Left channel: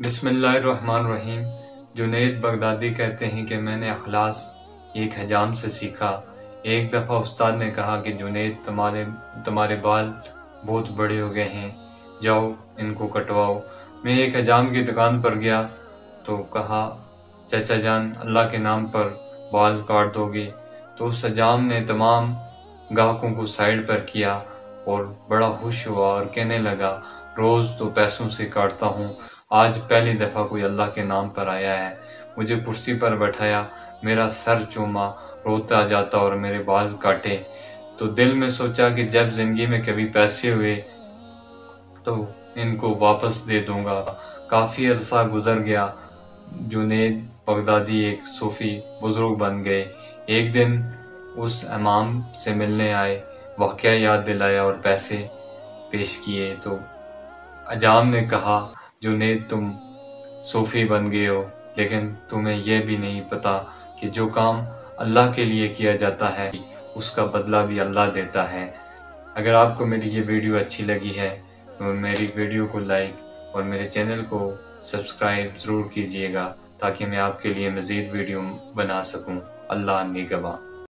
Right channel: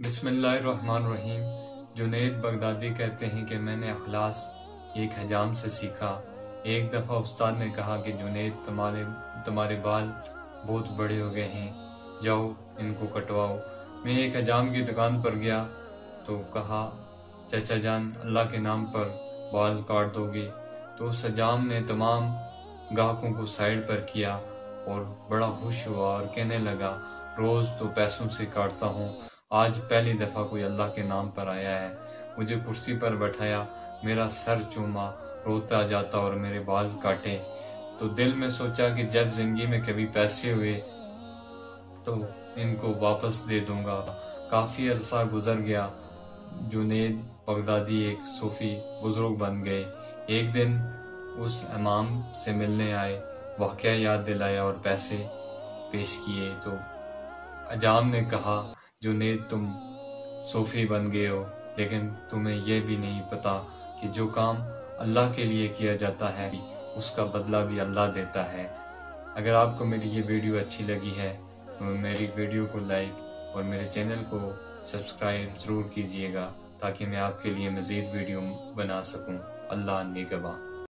बिस्मिल्लाहिर्रहमानिर्रहीम। जुनैद बगदादी कहते हैं कि मैंने अखलास एक हजाम से सीखा। एक दफ़ा उस्ताद ने कहा कि जुनैद, तुम्हारे बाल बहुत बड़े हो गए हैं, जाओ इनको कटवाओ। मैं एक हजाम की दुकान पर गया तो कहा, चाचा जान, अल्लाह के नाम पर बाल काट दोगे? तो उस हजाम ने तमाम गाहकों को साइड पर किया और बड़ा खुश हुआ और कहने लगा, रोज़ तो पैसों से काटता हूँ, आज पहली दफ़ा कोई अल्लाह के नाम पर आया है। मुझे कुर्सी पर बैठाया, मेरा सर चूमा, रोता जाता और मेरे बाल काटे। तो दिल में सोचा कि जब जिंदगी में कभी पैसे हुए तो इनको वापस दे दूंगा। काफ़ी अरसा गुजर गया। जुनैद बगदादी एक सूफी बुजुर्ग बन गए। एक दिन उस इमाम से मिलने आए, वाक़या याद दिलाया और पैसे पेश किए। तो हजाम ने कहा, जुनैद, तुम सूफी बन गए हो, लेकिन तुम्हें यह भी नहीं पता कि जो काम अल्लाह के लिए किया जाता है उसका बदला भी अल्लाह देता है। अगर आपको मेरी ये वीडियो अच्छी लगी है तो मेरी वीडियो को लाइक और मेरे चैनल को सब्सक्राइब ज़रूर कीजिएगा ताकि मैं आपके लिए मज़ीद वीडियो बना सकूं। अल्लाह निगहबान।